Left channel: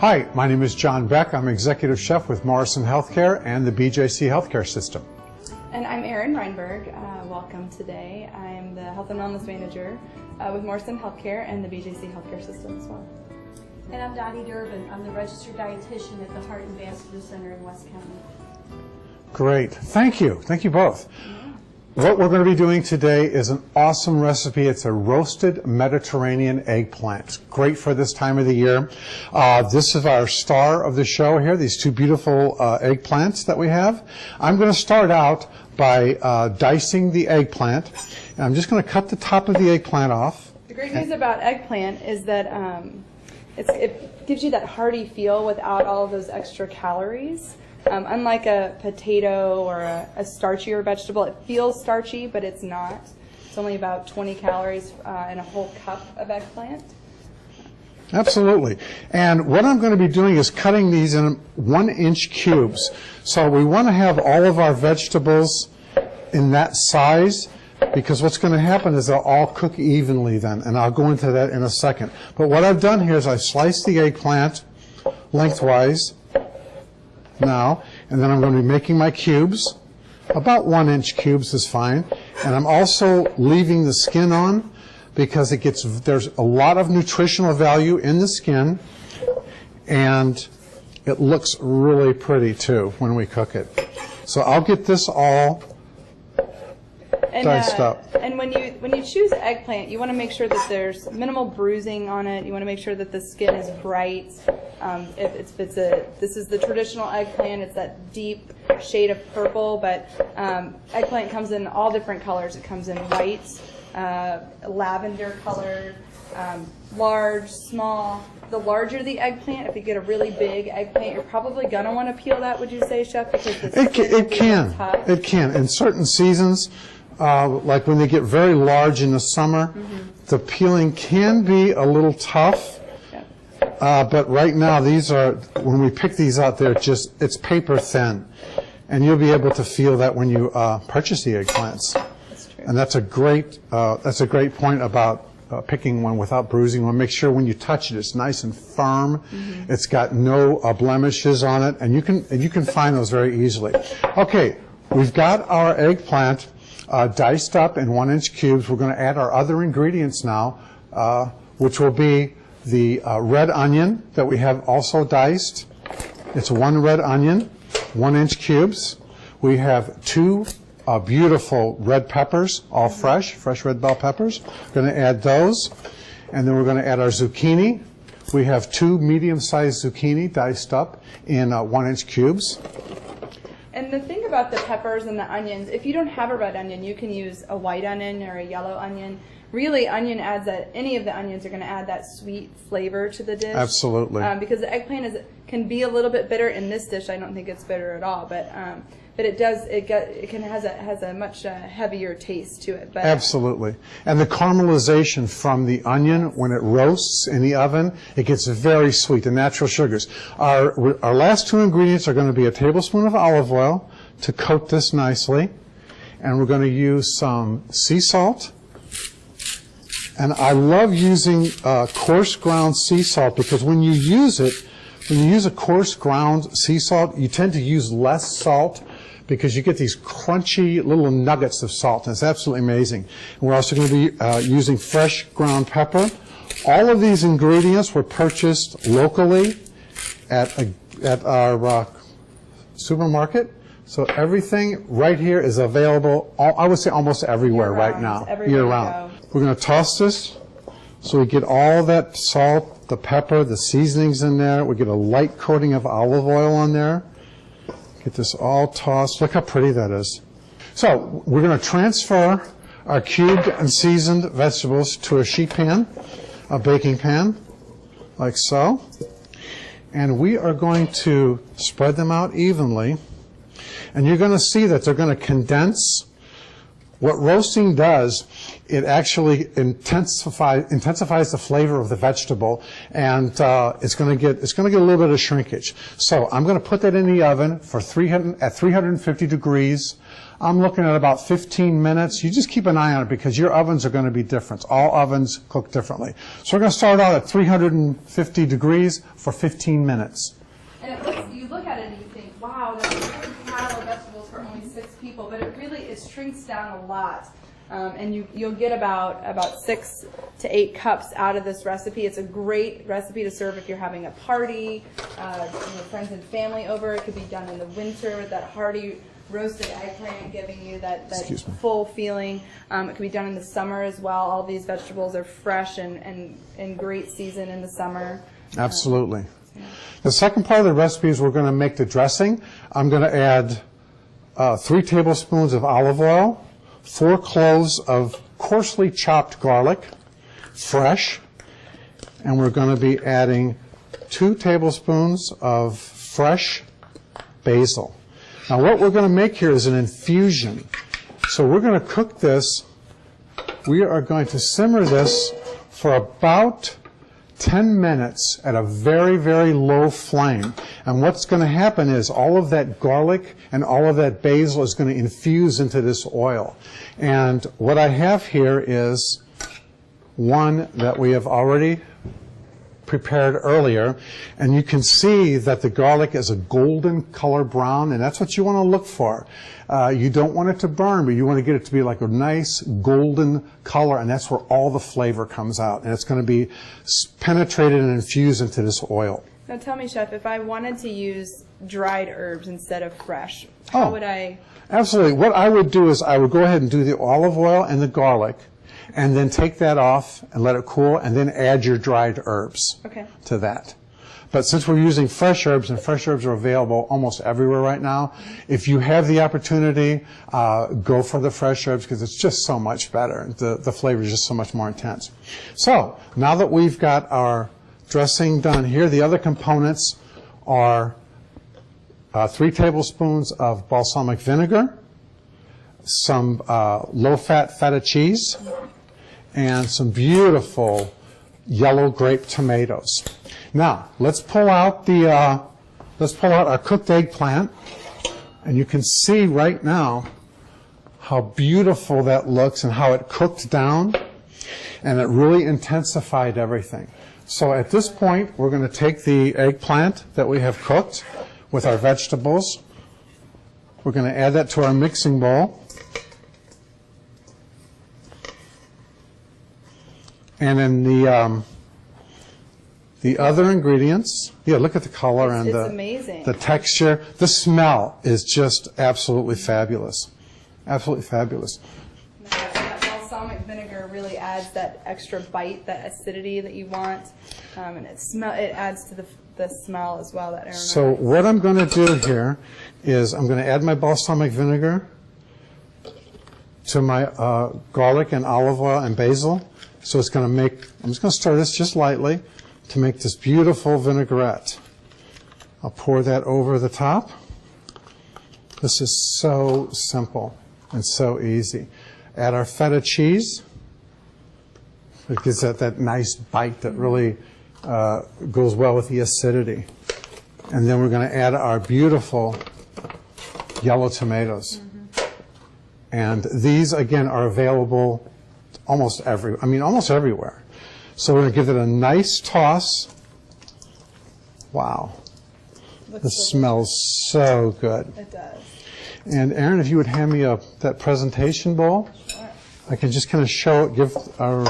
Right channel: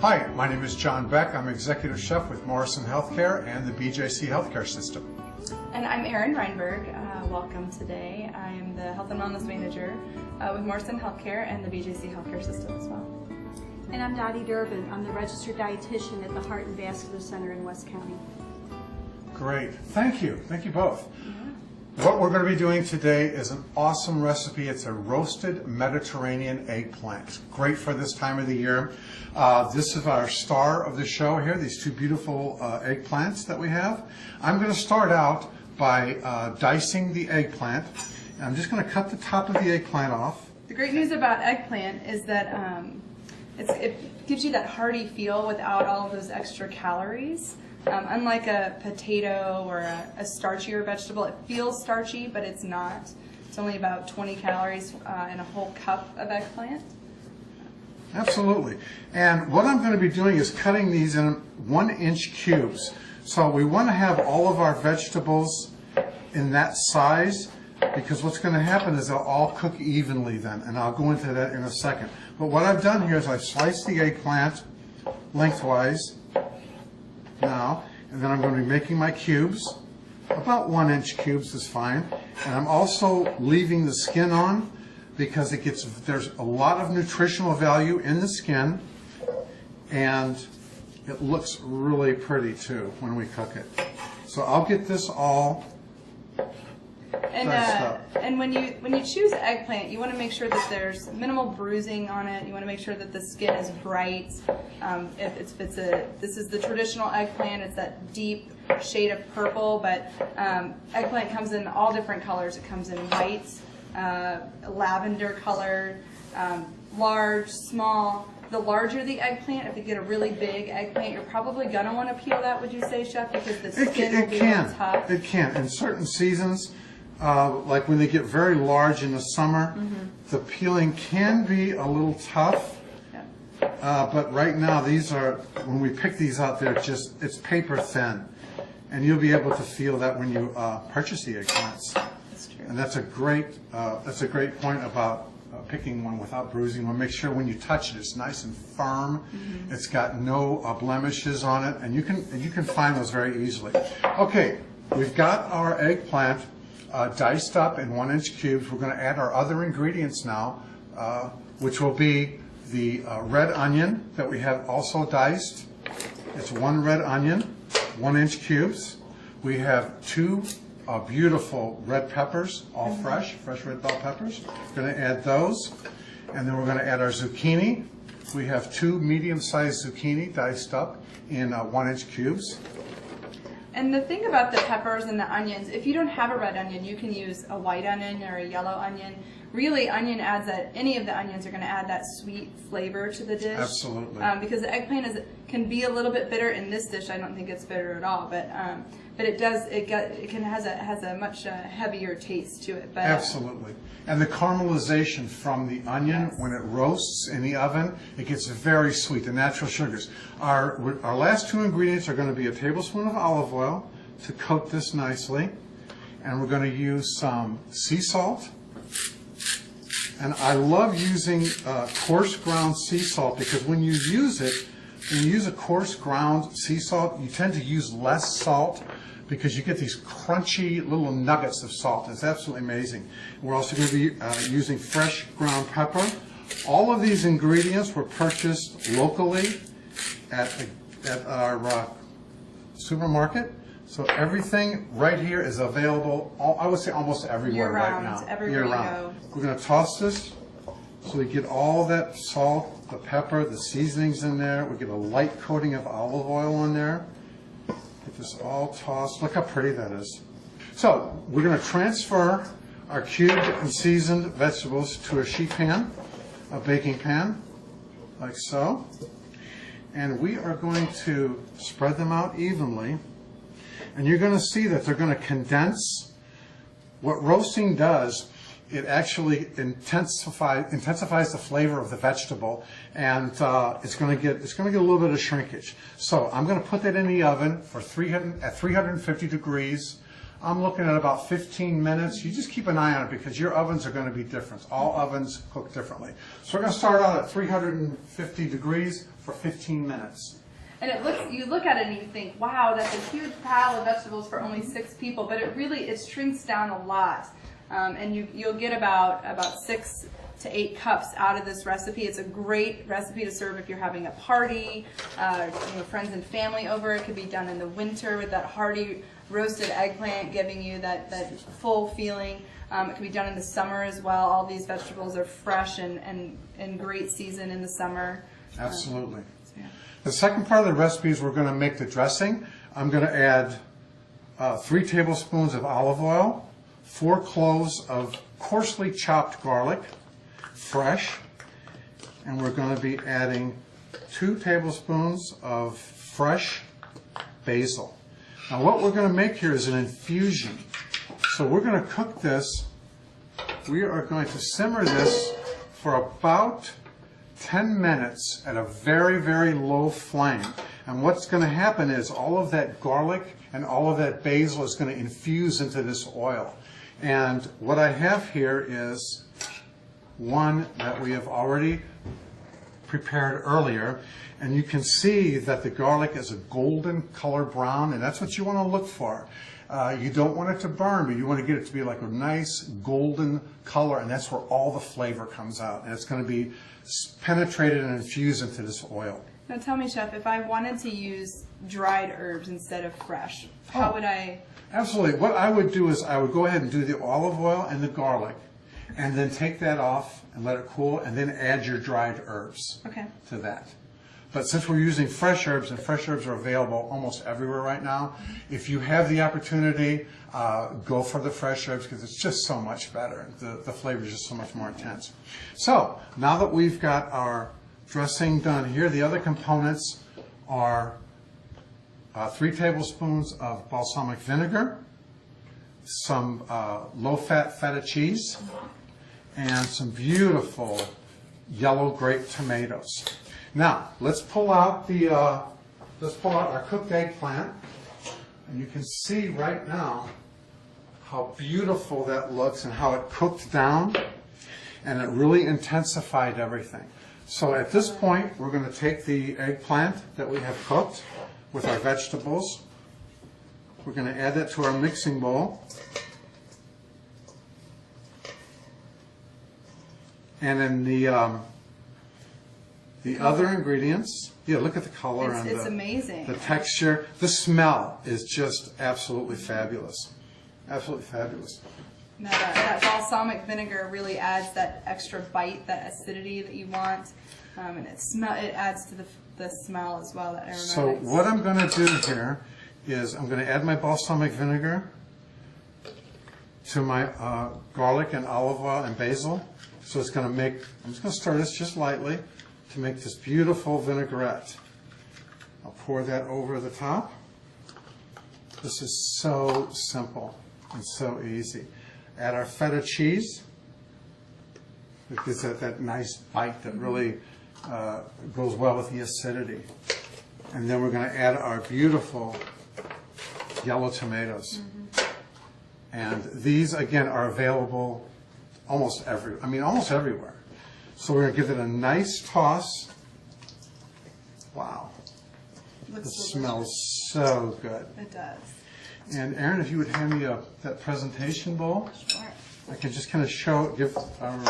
Hi, my name is John Beck. I'm Executive Chef with Morrison Healthcare and the BJC Healthcare System. And I'm Erin Reinberg. Welcome today. I'm the Health and Wellness Manager with Morrison Healthcare and the BJC Healthcare System as well. And I'm Dottie Durbin. I'm the Registered Dietitian at the Heart and Vascular Center in West County. Great. Thank you. Thank you both. What we're going to be doing today is an awesome recipe. It's a roasted Mediterranean eggplant. Great for this time of the year. This is our star of the show here, these two beautiful eggplants that we have. I'm going to start out by dicing the eggplant. And I'm just going to cut the top of the eggplant off. The great news about eggplant is that it gives you that hearty feel without all of those extra calories. Unlike a potato or a starchier vegetable, it feels starchy, but it's not. It's only about 20 calories in a whole cup of eggplant. Absolutely. And what I'm going to be doing is cutting these in 1-inch cubes. So we want to have all of our vegetables in that size, because what's going to happen is they'll all cook evenly then, and I'll go into that in a second. But what I've done here is I've sliced the eggplant lengthwise now, and then I'm going to be making my cubes. About 1-inch cubes is fine. And I'm also leaving the skin on because there's a lot of nutritional value in the skin, and it looks really pretty too when we cook it. So I'll get this all diced up. And when you choose eggplant, you want to make sure that there's minimal bruising on it. You want to make sure that the skin is bright. This is the traditional eggplant. It's that deep shade of purple, but eggplant comes in all different colors. It comes in white, lavender colored, large, small. The larger the eggplant, if you get a really big eggplant, you're probably going to want to peel that, would you say, Chef? Because the skin will be tough. It can. In certain seasons, like when they get very large in the summer, the peeling can be a little tough. But right now, when we pick these out, it's paper thin. And you'll be able to feel that when you purchase the eggplants. That's true. And that's a great point about picking one without bruising. You want to make sure when you touch it, it's nice and firm. It's got no blemishes on it, and you can find those very easily. Okay, we've got our eggplant diced up in 1-inch cubes. We're going to add our other ingredients now, which will be the red onion that we have also diced. It's 1 red onion, 1-inch cubes. We have 2 beautiful red peppers, all fresh red bell peppers. We're going to add those, and then we're going to add our zucchini. We have 2 medium-sized zucchini diced up in 1-inch cubes. And the thing about the peppers and the onions, if you don't have a red onion, you can use a white onion or a yellow onion. Really, onion adds that. Any of the onions are going to add that sweet flavor to the dish. Absolutely. Because the eggplant can be a little bit bitter. In this dish, I don't think it's bitter at all, but it does. It has a much heavier taste to it. But, absolutely. And the caramelization from the onion, when it roasts in the oven, it gets very sweet. The natural sugars. Our last 2 ingredients are going to be a tablespoon of olive oil to coat this nicely, and we're going to use some sea salt. And I love using coarse ground sea salt, because when you use a coarse ground sea salt, you tend to use less salt because you get these crunchy little nuggets of salt. And it's absolutely amazing. And we're also going to be using fresh ground pepper. All of these ingredients were purchased locally at our supermarket. So everything right here is available, I would say almost everywhere right now, year round. We're going to toss this so we get all that salt, the pepper, the seasonings in there. We get a light coating of olive oil on there. Get this all tossed. Look how pretty that is. So we're going to transfer our cubed and seasoned vegetables to a sheet pan, a baking pan, like so. And we are going to spread them out evenly. And you're going to see that they're going to condense. What roasting does it actually intensifies the flavor of the vegetable, and it's going to get a little bit of shrinkage. So I'm going to put that in the oven for 350 degrees. I'm looking at about 15 minutes. You just keep an eye on it because your ovens are going to be different. All ovens cook differently. So we're going to start out at 350 degrees for 15 minutes. And you look at it and you think, wow, that's a huge pile of vegetables for only 6 people, but it shrinks down a lot. And you'll get about 6 to 8 cups out of this recipe. It's a great recipe to serve if you're having a party, friends and family over. It could be done in the winter with that hearty roasted eggplant giving you that full feeling. It can be done in the summer as well. All these vegetables are fresh and great season in the summer. Absolutely. The second part of the recipe is we're going to make the dressing. I'm going to add 3 tablespoons of olive oil, 4 cloves of coarsely chopped garlic, fresh, and we're going to be adding 2 tablespoons of fresh basil. Now what we're going to make here is an infusion. So we're going to cook this. We are going to simmer this for about 10 minutes at a very, very low flame. And what's going to happen is all of that garlic and all of that basil is going to infuse into this oil. And what I have here is one that we have already prepared earlier, and you can see that the garlic is a golden color brown, and that's what you want to look for. You don't want it to burn, but you want to get it to be like a nice golden color, and that's where all the flavor comes out, and it's going to be penetrated and infused into this oil. Now tell me, Chef, if I wanted to use dried herbs instead of fresh, how would I? Absolutely. What I would do is I would go ahead and do the olive oil and the garlic, and then take that off and let it cool, and then add your dried herbs to that. But since we're using fresh herbs, and fresh herbs are available almost everywhere right now, if you have the opportunity, go for the fresh herbs because it's just so much better. The flavor is just so much more intense. So now that we've got our dressing done here, the other components are 3 tablespoons of balsamic vinegar, some low-fat feta cheese, and some beautiful yellow grape tomatoes. Now let's pull out our cooked eggplant, and you can see right now how beautiful that looks and how it cooked down, and it really intensified everything. So at this point, we're going to take the eggplant that we have cooked with our vegetables. We're going to add that to our mixing bowl. And then the other ingredients, look at the color and amazing. The texture. The smell is just absolutely fabulous. Absolutely fabulous. No, that balsamic vinegar really adds that extra bite, that acidity that you want, and it adds to the smell as well. That so what I'm going to do here is I'm going to add my balsamic vinegar to my garlic and olive oil and basil. So it's going to make, I'm just going to stir this just lightly to make this beautiful vinaigrette. I'll pour that over the top. This is so simple and so easy. Add our feta cheese. It gives that nice bite that really goes well with the acidity. And then we're going to add our beautiful yellow tomatoes. And these, again, are available almost everywhere. So we're going to give it a nice toss. Wow. This smells so good. It does. And Erin, if you would hand me that presentation bowl, Sure. I can just kind of show it, give our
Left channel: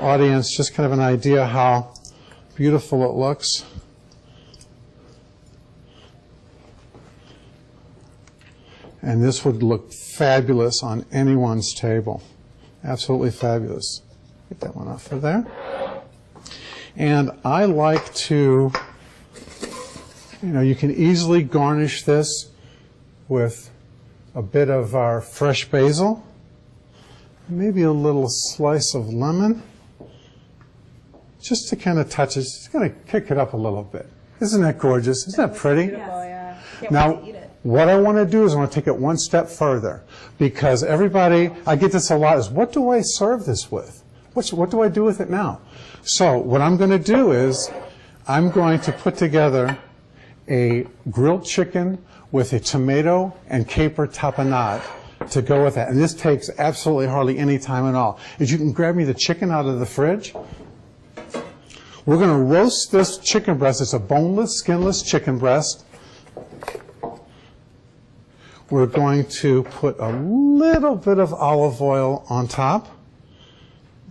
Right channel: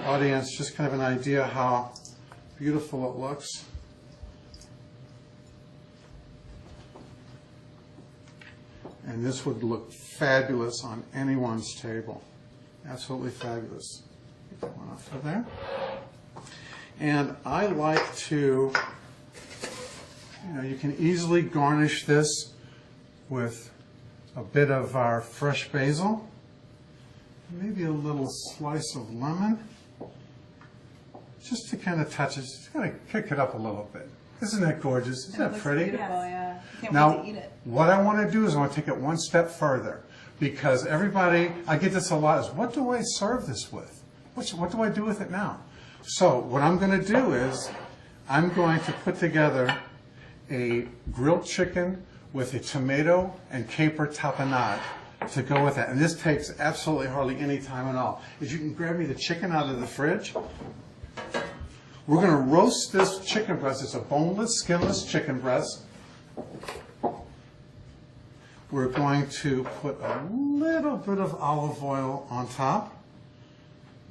audience just kind of an idea how beautiful it looks. And this would look fabulous on anyone's table. Absolutely fabulous. Get that one off for there. And I like to, you can easily garnish this with a bit of our fresh basil, maybe a little slice of lemon, just to kind of touch it, just kind of kick it up a little bit. Isn't that gorgeous? Isn't that pretty? Beautiful, yeah. Can't Now, wait to eat it. what I want to do is I want to take it one step further, because everybody, I get this a lot, is what do I serve this with? What do I do with it now? So what I'm going to do is I'm going to put together a grilled chicken with a tomato and caper tapenade to go with that. And this takes absolutely hardly any time at all. Is you can grab me the chicken out of the fridge. We're going to roast this chicken breast. It's a boneless, skinless chicken breast. We're going to put a little bit of olive oil on top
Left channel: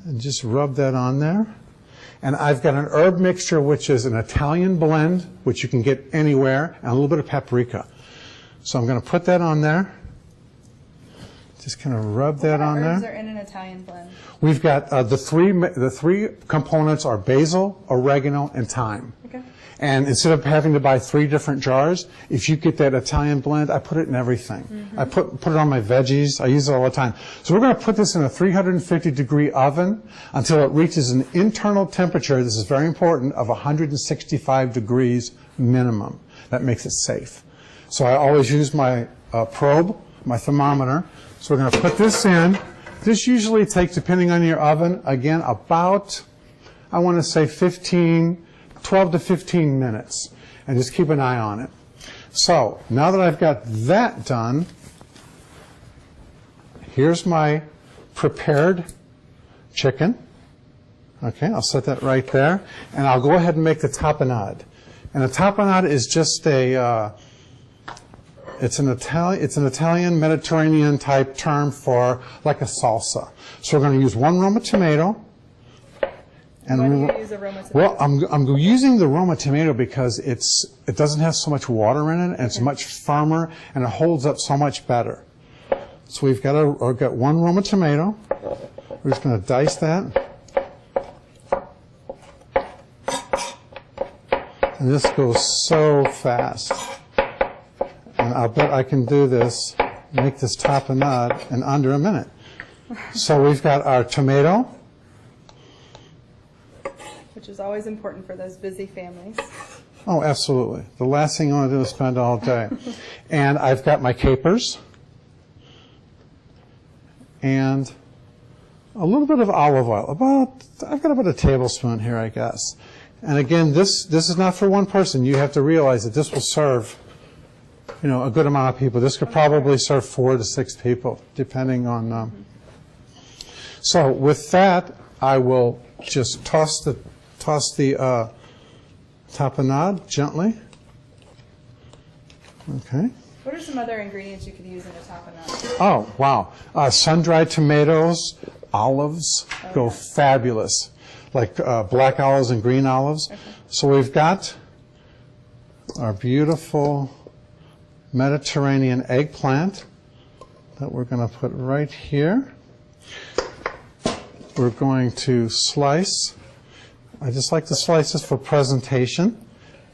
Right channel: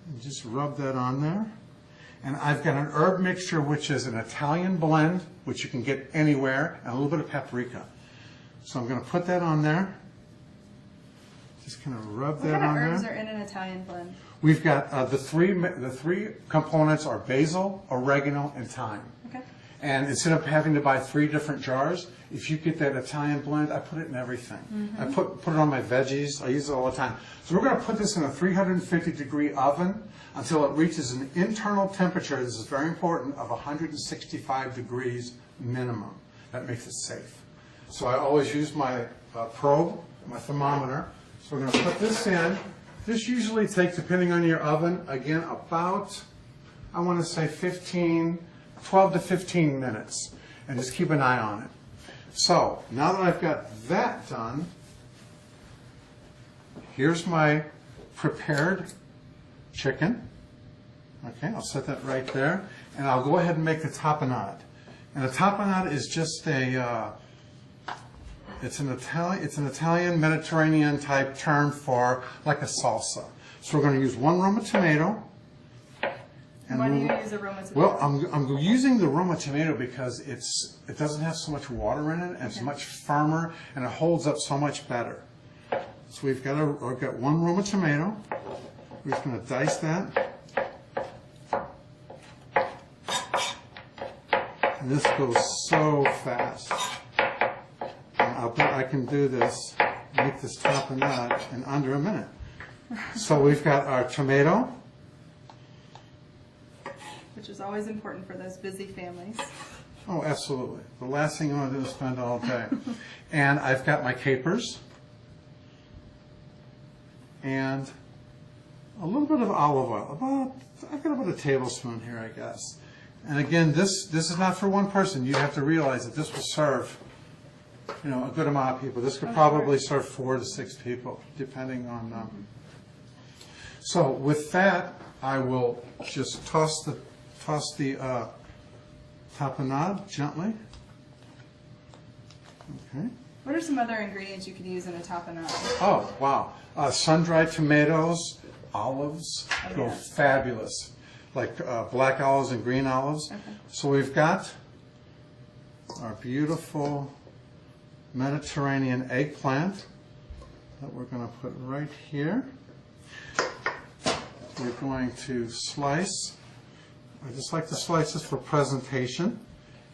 and just rub that on there. And I've got an herb mixture, which is an Italian blend, which you can get anywhere, and a little bit of paprika. So I'm going to put that on there. Just kind of rub that on there. What herbs are in an Italian blend? We've got the three components are basil, oregano, and thyme. Okay. And instead of having to buy 3 different jars, if you get that Italian blend, I put it in everything. I put it on my veggies. I use it all the time. So we're going to put this in a 350-degree oven until it reaches an internal temperature, this is very important, of 165 degrees minimum. That makes it safe. So I always use my probe, my thermometer. So we're going to put this in. This usually takes, depending on your oven, again, about, I want to say 12 to 15 minutes, and just keep an eye on it. So now that I've got that done, here's my prepared chicken. Okay, I'll set that right there, and I'll go ahead and make the tapenade. And the tapenade is just it's an Italian Mediterranean type term for like a salsa. So we're going to use 1 Roma tomato. Why do you use aroma tomato? Well, I'm using the Roma tomato because it doesn't have so much water in it, and it's much firmer, and it holds up so much better. So we've got 1 Roma tomato. We're just going to dice that. And this goes so fast. And I'll bet I can do this, make this tapenade in under a minute. So we've got our tomato. Which is always important for those busy families. Oh, absolutely. The last thing you want to do is spend all day. And I've got my capers. And a little bit of olive oil. I've got about a tablespoon here, I guess. And again, this is not for one person. You have to realize that this will serve, a good amount of people. This could probably serve 4 to 6 people, depending on. So with that, I will just toss the tapenade gently. Okay. What are some other ingredients you could use in a tapenade? Oh, wow. Sun-dried tomatoes, olives go fabulous, like black olives and green olives. Okay. So we've got our beautiful Mediterranean eggplant that we're going to put right here. We're going to slice. I just like to slice this for presentation.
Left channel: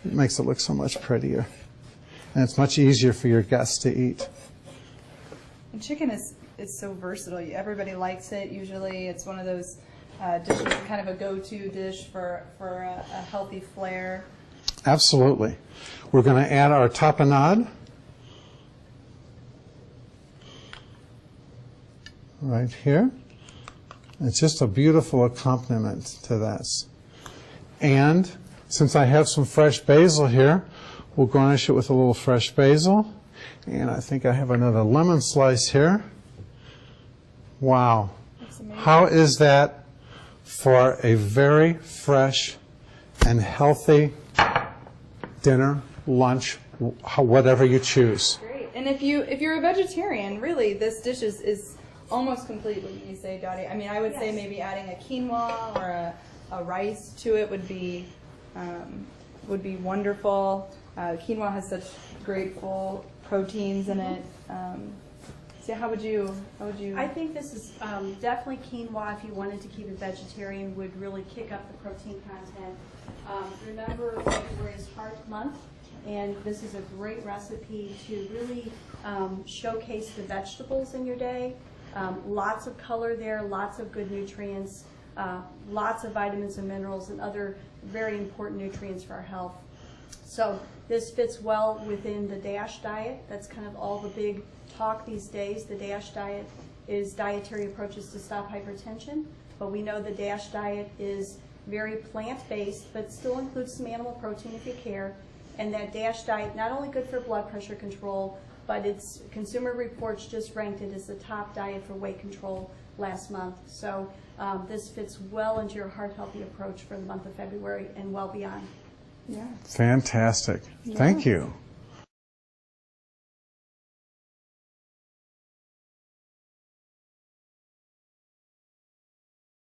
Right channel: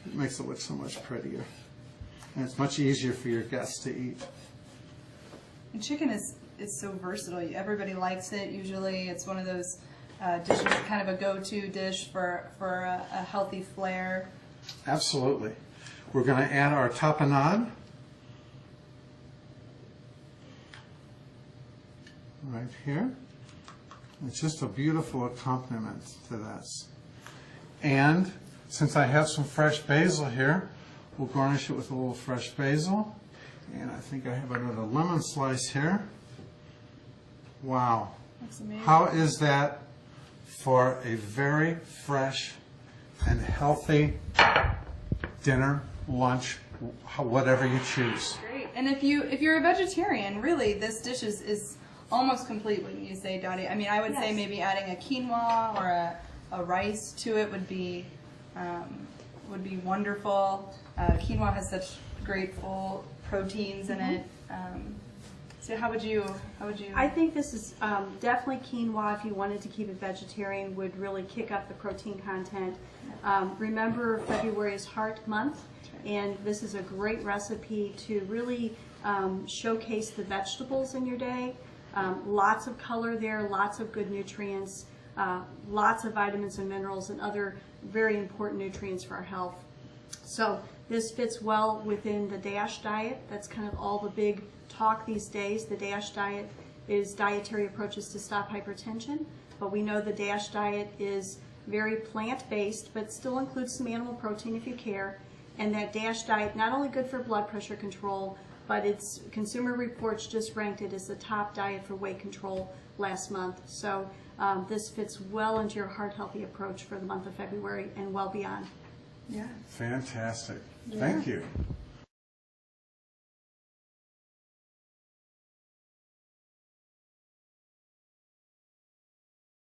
It makes it look so much prettier. And it's much easier for your guests to eat. And chicken is so versatile. Everybody likes it. Usually it's one of those dishes, kind of a go-to dish for a healthy flair. Absolutely. We're going to add our tapenade. Right here. It's just a beautiful accompaniment to this. And since I have some fresh basil here, we'll garnish it with a little fresh basil. And I think I have another lemon slice here. Wow. That's amazing. How is that for a very fresh and healthy dinner, lunch, whatever you choose? Great. And if you're a vegetarian, really, this dish is almost complete, wouldn't you say, Dottie? I mean, I would say maybe adding a quinoa or a rice to it would be wonderful. Quinoa has such great full proteins in it. So how would you? I think this is definitely quinoa. If you wanted to keep it vegetarian, would really kick up the protein content. Remember, February is Heart Month, and this is a great recipe to really showcase the vegetables in your day. Lots of color there, lots of good nutrients, lots of vitamins and minerals and other very important nutrients for our health. So this fits well within the DASH diet. That's kind of all the big talk these days. The DASH diet is dietary approaches to stop hypertension, but we know the DASH diet is very plant-based, but still includes some animal protein if you care. And that DASH diet, not only good for blood pressure control, but its Consumer Reports just ranked it as the top diet for weight control last month. So this fits well into your heart-healthy approach for the month of February and well beyond. Yeah. Fantastic. Thank you.